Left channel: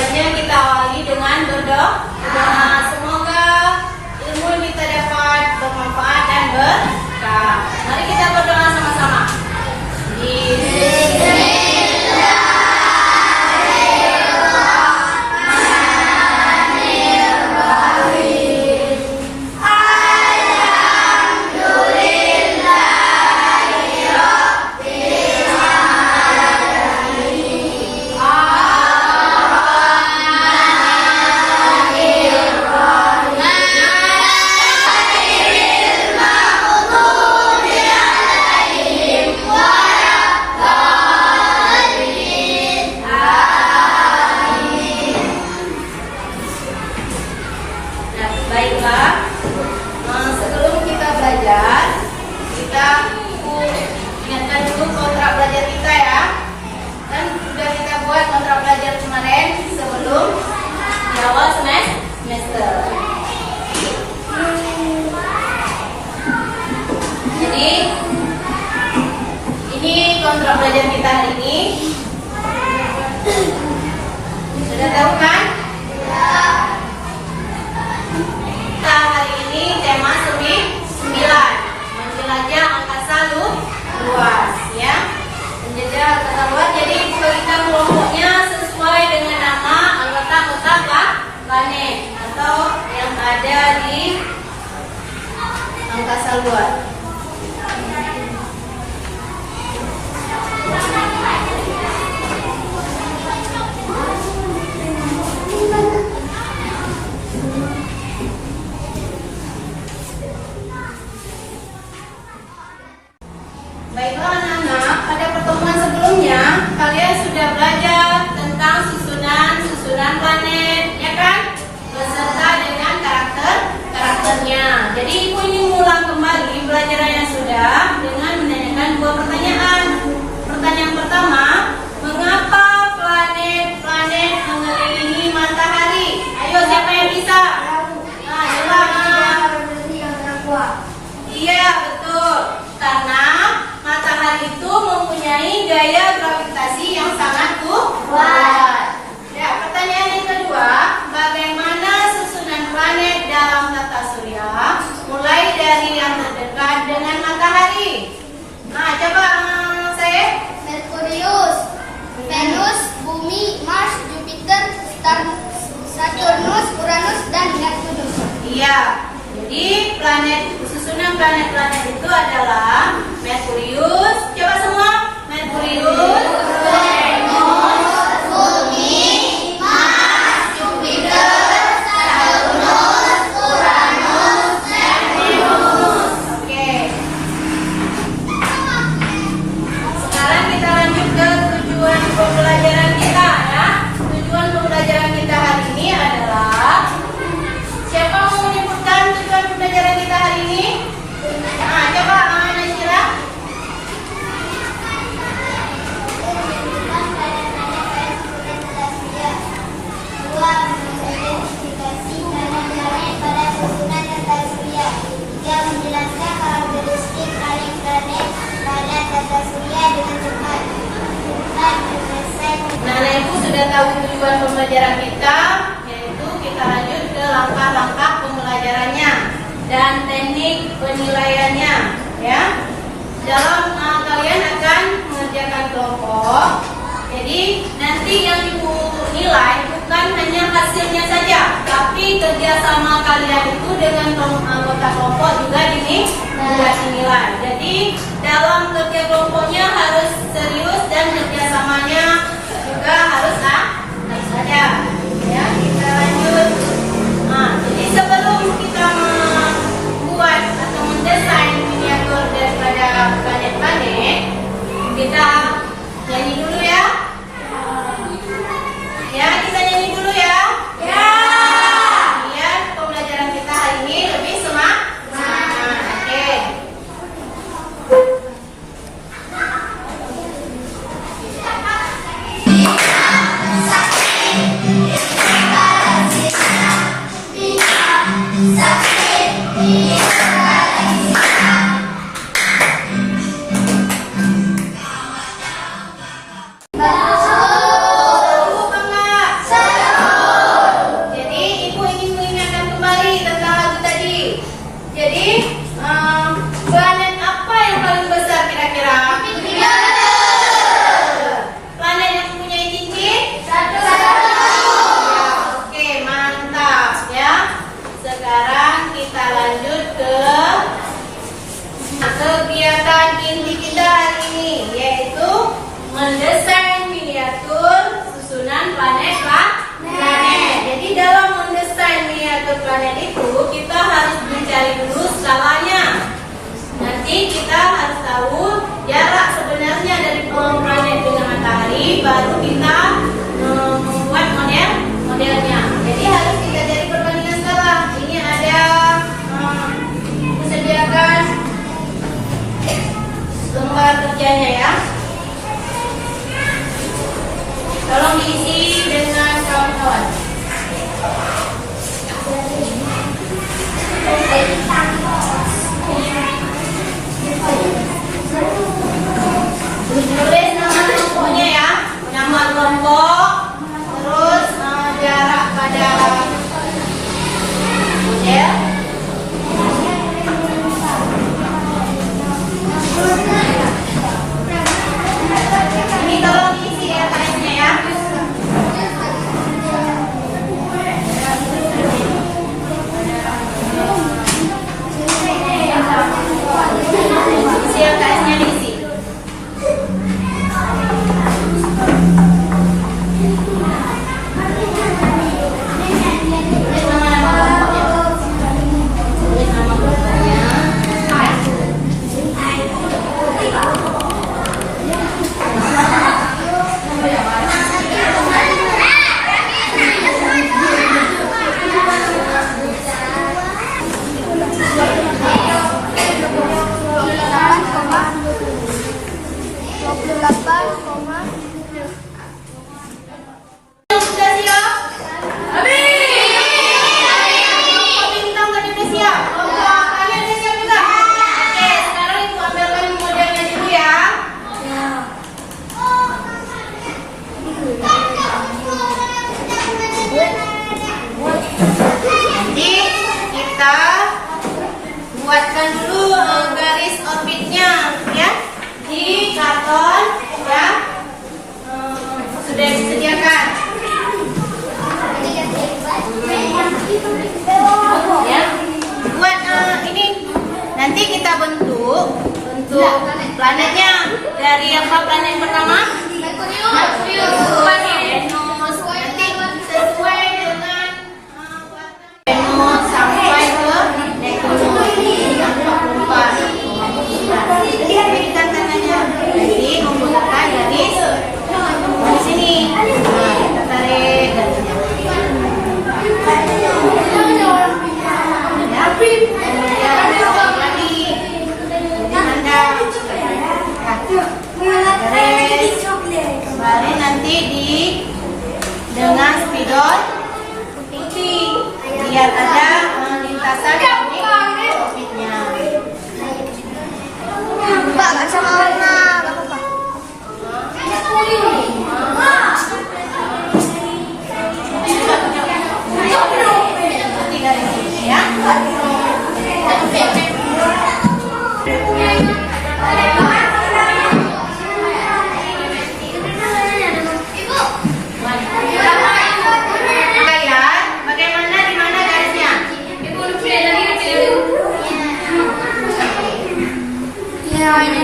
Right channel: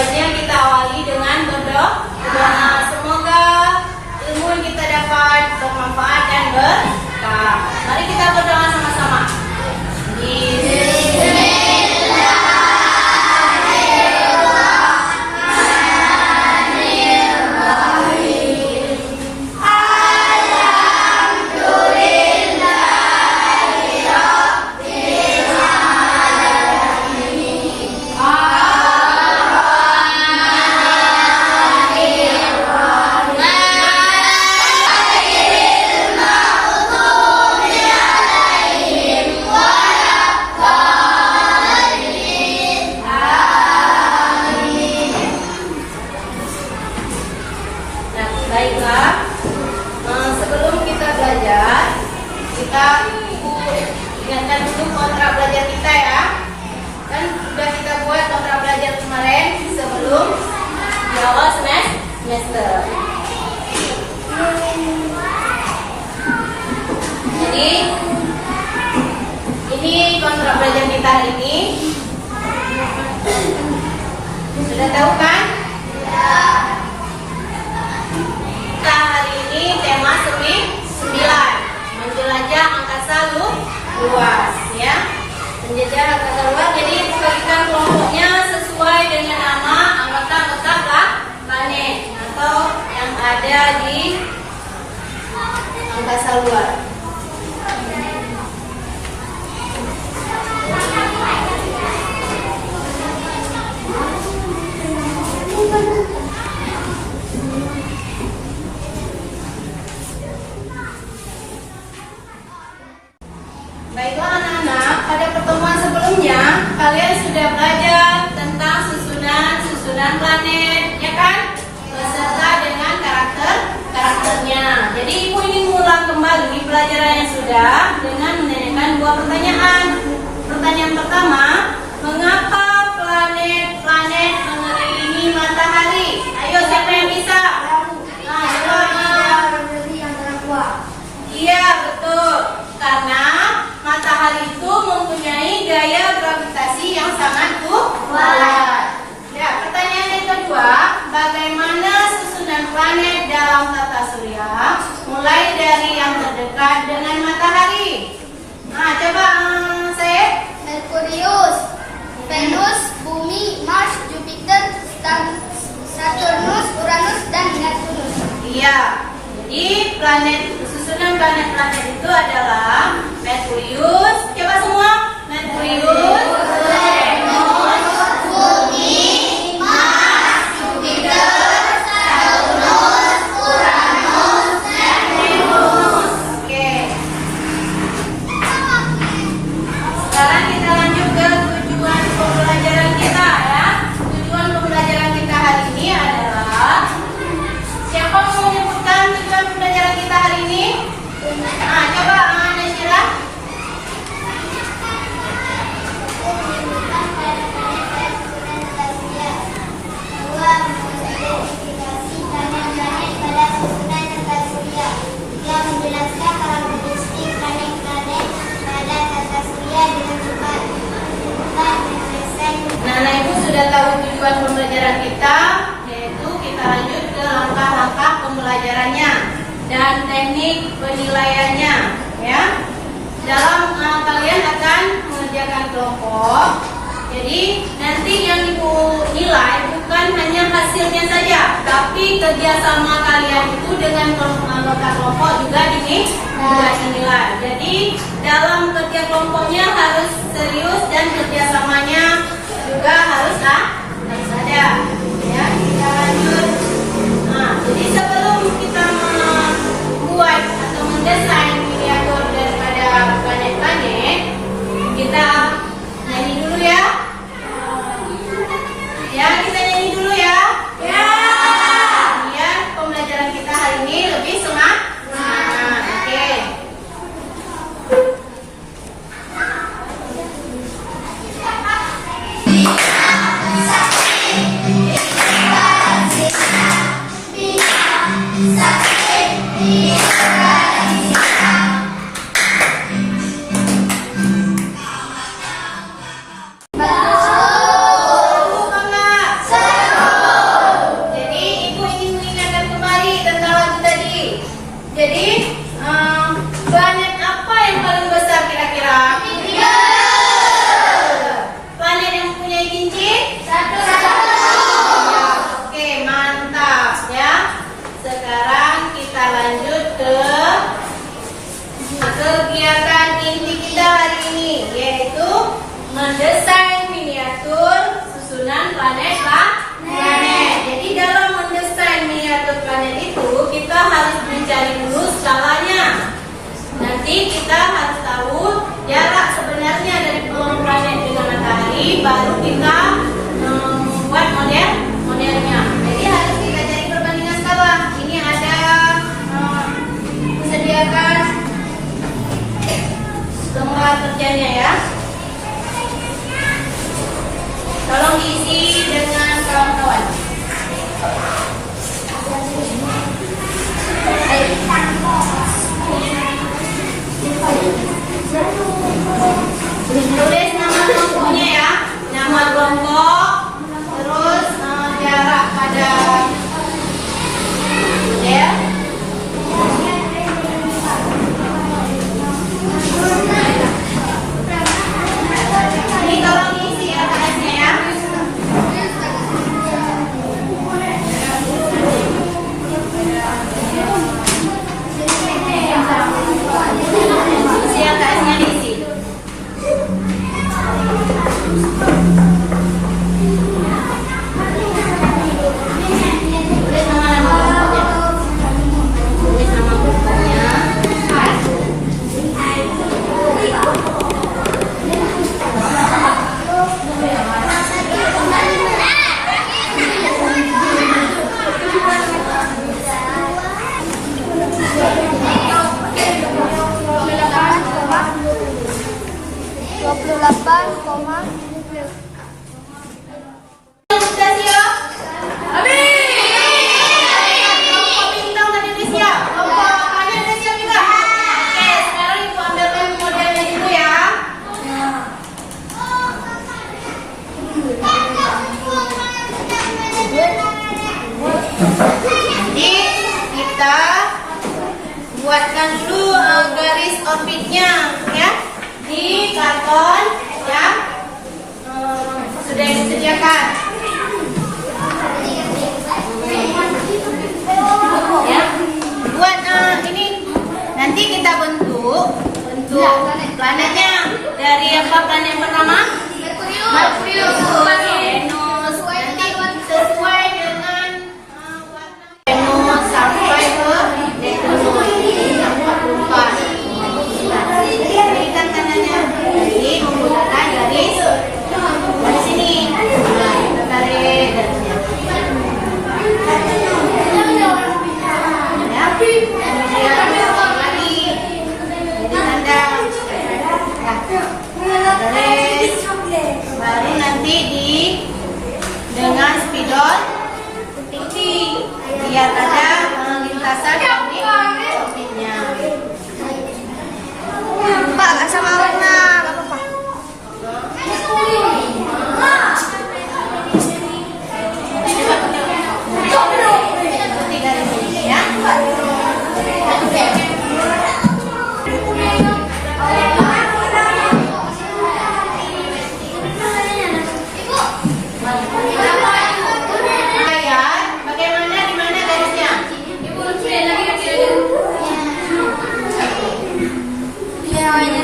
sebaiknya kita awali dengan berdoa. Semoga ilmu yang kita dapat bermanfaat dan berkah. Mari kita berdoa sama-sama. Baiklah, sebelum kita belajar, kita ingatkan dulu kontrak belajar kita ya. Kan sudah kita buat kontrak belajar kemarin sebelum di awal semester. Jadi ini kontrak belajar kita hari ini. Sudah tahu kan? Kita hari ini tema 9, menjelajah angkasa luas ya. Menjelajah angkasa luas, jadi bagikan kelompoknya sesuai dengan nama anggota-anggota planet atau yang ada di angkasa luas. Baiklah anak-anak, pada pertemuan sebelumnya kalian sudah belajar tentang susunan planet, ya kan? Beserta dengan karakternya. Jadi ibu ingin mengulang kembali pelajaran yang sudah dengan menanyakan 2 pertanyaan. Pertanyaan pertama, mengapa planet-planet mengelilingi matahari? Ayo, siapa yang bisa? Iya, betul. Karena matahari itu mempunyai gaya gravitasi yang sangat kuat. Ya, pertanyaan yang kedua, bagaimana susunan planet dalam tata surya mulai dari yang terdekat dengan matahari? Nah, coba saya. Merkurius, Venus, Bumi, Mars, Jupiter, Saturnus, Uranus, dan Neptunus. Iya. Jadi susunan planet-planet itu adalah Merkurius. Coba semua. Merkurius, Venus, Bumi, Mars, Jupiter, Saturnus, Uranus, Neptunus. Oke. Sekarang kita lanjut ke tujuan pembelajaran kita ya. Tujuan pembelajaran kita hari ini adalah, siapa mau menyebutkan tujuan pembelajaran kita hari ini? Nah, coba Nesira. Nah, ibu sudah tahu tujuan pembelajaran kita, yaitu kita lanjut ke langkah-langkah pembelajarannya dan teknik penilaiannya ya. Dalam kalian akan mengerjakan kelompok. Jadi nanti yang ibu nilai bukan hanya hasilnya saja, tapi kerjasama kalian itu dengan anggota kelompok juga dinilai. Jadi dalam kerja kelompoknya harus serius dan kerjasamanya juga harus ada. Ya, kita lanjut. Nah, jadi sebelum kita membuat atau mendesain miniatur daripada planet-planet, kita nyanyi dulu ya. Ya, kita nyanyi dulu ya. Ya. Biar pembelajaran kita hari ini lebih semangat. Oke. planet. Jadi dalam mendesain miniatur planet itu kita harus mencari dulu skalanya. Nanti kita harus tahu jarak sebenarnya dari planet dengan matahari, baru kita membuat modelnya. Jadi harus kita cari perbandingan skala. Ini ada disediakan lembar kerjanya ya. Tolong diisi dengan kawan-kawan. Tulis nama kelompoknya ya. Nama kelompok, terus jarak pada model. Ini tolong diisi ya KS-nya ya. Isi KS-nya diisi. Tulis nama kelompoknya. Tulis nama kelompoknya. Sudah siap? Kelompok bintang tadi udah siap. Kelompok kalian udah siap juga? Oke, sekarang ibu ambil modelnya dulu ya. Jadi kita buatkan dulu garis orbitnya ya di karton yang sudah disediakan. Ya, buat ini nanti kita bentuk planetnya dari apa planet pertama? Merkurius. Venus. Nanti sesuai dengan Venus sampai ke Neptunus. Lupa. Berikan tandanya. Jadi menggunakan garis di sini. Nah, kita tarik garisnya. Kemudian lagi jadi tanda garis kemarin nanti dengan spidol putih biar ada lintasan dari orbitnya. Mbak, nggak sama warna. Putih dari sini ya. Bagaimana di mana garisnya? Ya, ini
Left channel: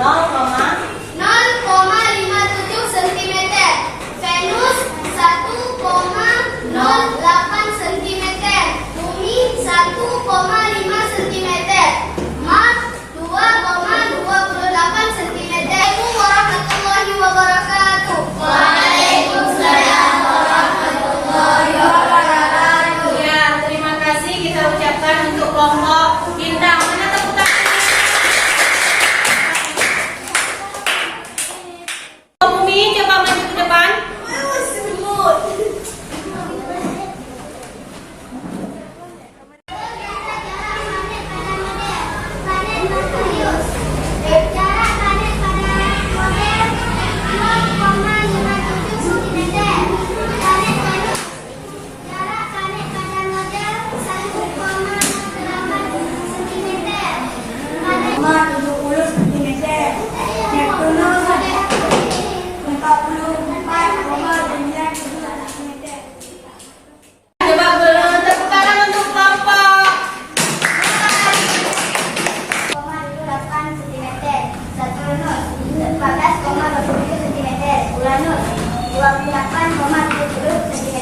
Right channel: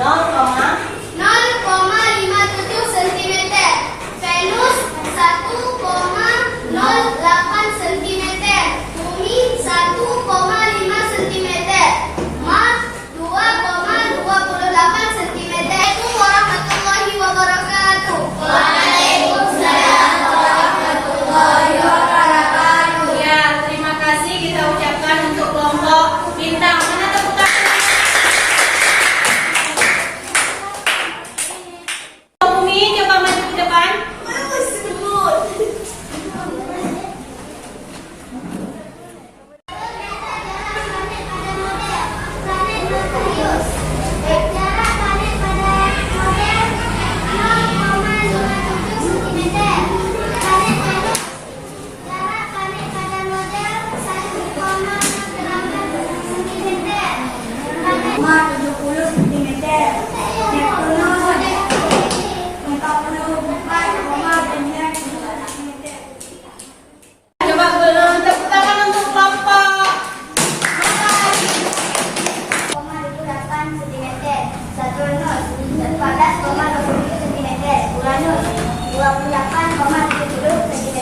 0,57 cm. Venus 1,08 cm. Bumi 1,5 cm. Mars 2,28 cm. Assalamualaikum warahmatullahi wabarakatuh. Waalaikumsalam warahmatullahi wabarakatuh. Ya, terima kasih kita ucapkan untuk kelompok bintang. Mana tepuk tangan? Bumi, coba maju ke depan. Coba belum tepuk tangan untuk kelompok. 28 cm. Saturnus 14,27 cm. Uranus 28,70 cm.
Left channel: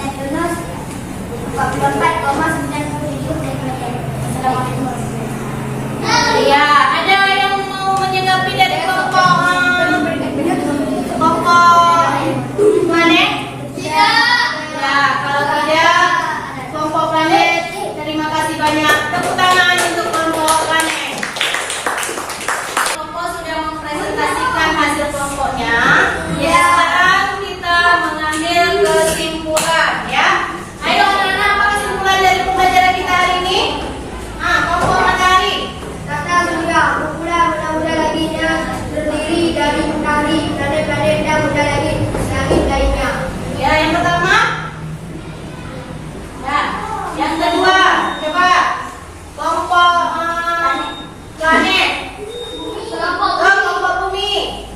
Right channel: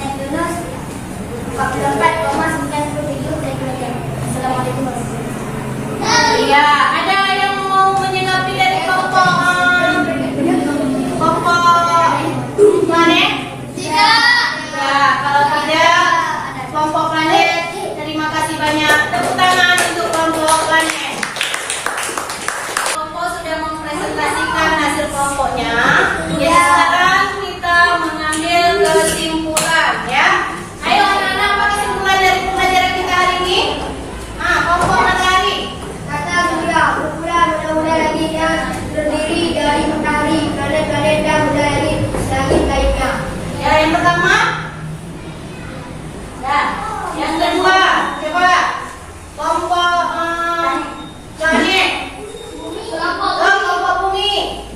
Neptunus 44,97 cm. Assalamualaikum warahmatullahi wabarakatuh. Iya, ada yang mau menyikapi dari kelompok planet? Ya, kalau tidak kelompok planet, terima kasih banyak. Tepuk tangan untuk kelompok planet. Kelompok sudah mempresentasikan hasil kelompoknya. Ya, sekarang kita mengambil kesimpulan ya. Ayo anak-anak, apa kesimpulan dari pembelajaran kita hari ini? Kelompok matahari. Kata surya, ukuran mudah-mudah langitnya terdiri dari matahari, planet-planet dan mudah langit lainnya. Ya, yang pertama. Ya, yang kedua, coba kelompok planet. Kelompok bumi.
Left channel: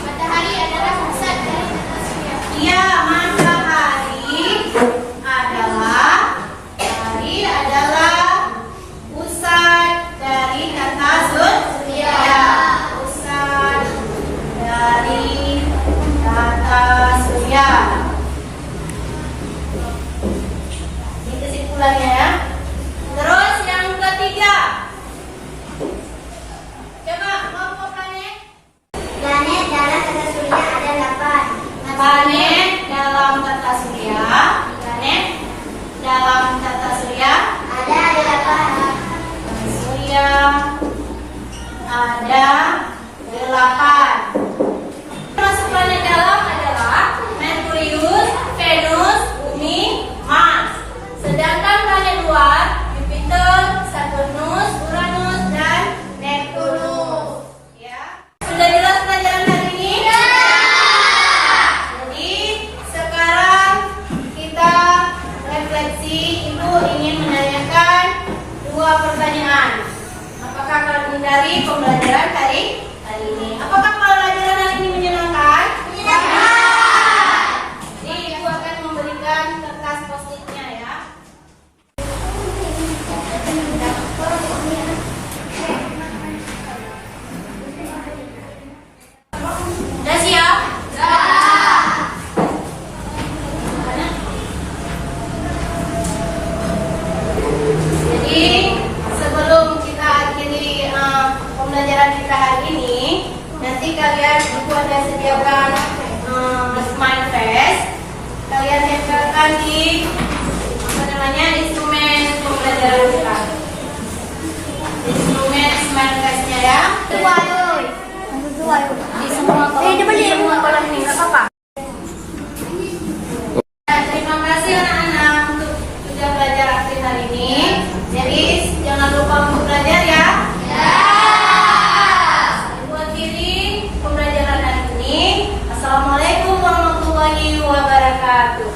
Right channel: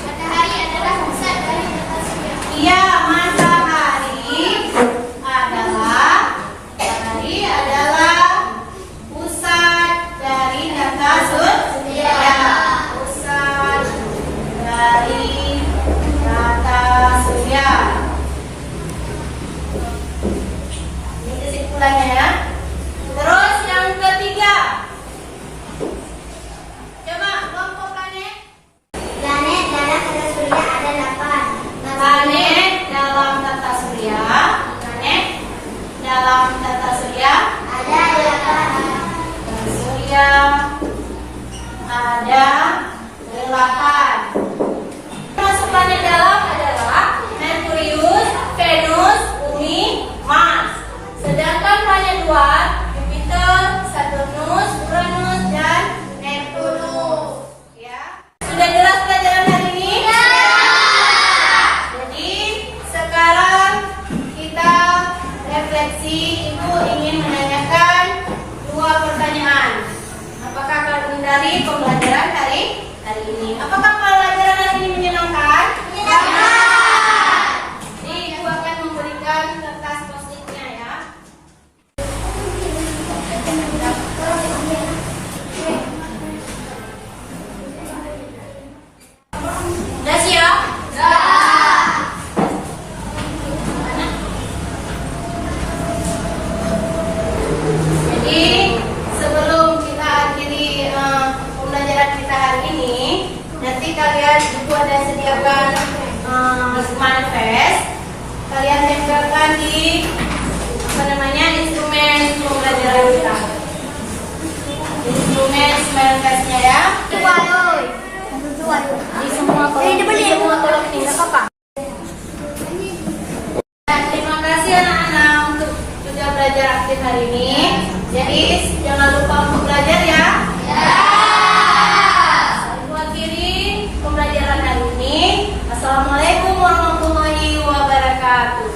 Matahari adalah pusat dari tata surya. Iya, matahari adalah pusat dari tata surya. Pusat dari tata surya. Ini kesimpulannya ya. Terus yang ketiga. Coba kelompok planet. Planet dalam tata surya ada 8. Planet dalam tata surya. Planet dalam tata surya. Ada 8. Surya ada 8. Termasuk planet dalam adalah Merkurius, Venus, Bumi, Mars. Sedangkan planet luar Jupiter, Saturnus, Uranus, dan Neptunus. Ya. Sudah jelas pelajaran hari ini? Jadi sekarang kita refleksi. Ibu ingin menanyakan 2 pertanyaan. Apakah kalian dari pembelajaran hari ini? Apakah pelajaran hari ini menyenangkan? Menyenangkan. Jadi Ibu akan memberikan kertas post-itnya ya. Udah siap? Jadi sebelum kita akhiri pembelajaran kita hari ini, nanti kalian Ibu ada sediakan smile face. Kalian tempelkan di instrumen pembelajaran kita. Instrumen smile face-nya ya. Di semua kolom ini nggak apa-apa. Terima kasih anak-anak untuk sudah belajar aktif hari ini. Jadi jangan lupa untuk belajar ya. Ibu akhiri pembelajaran hari ini. Assalamualaikum warahmatullahi wabarakatuh.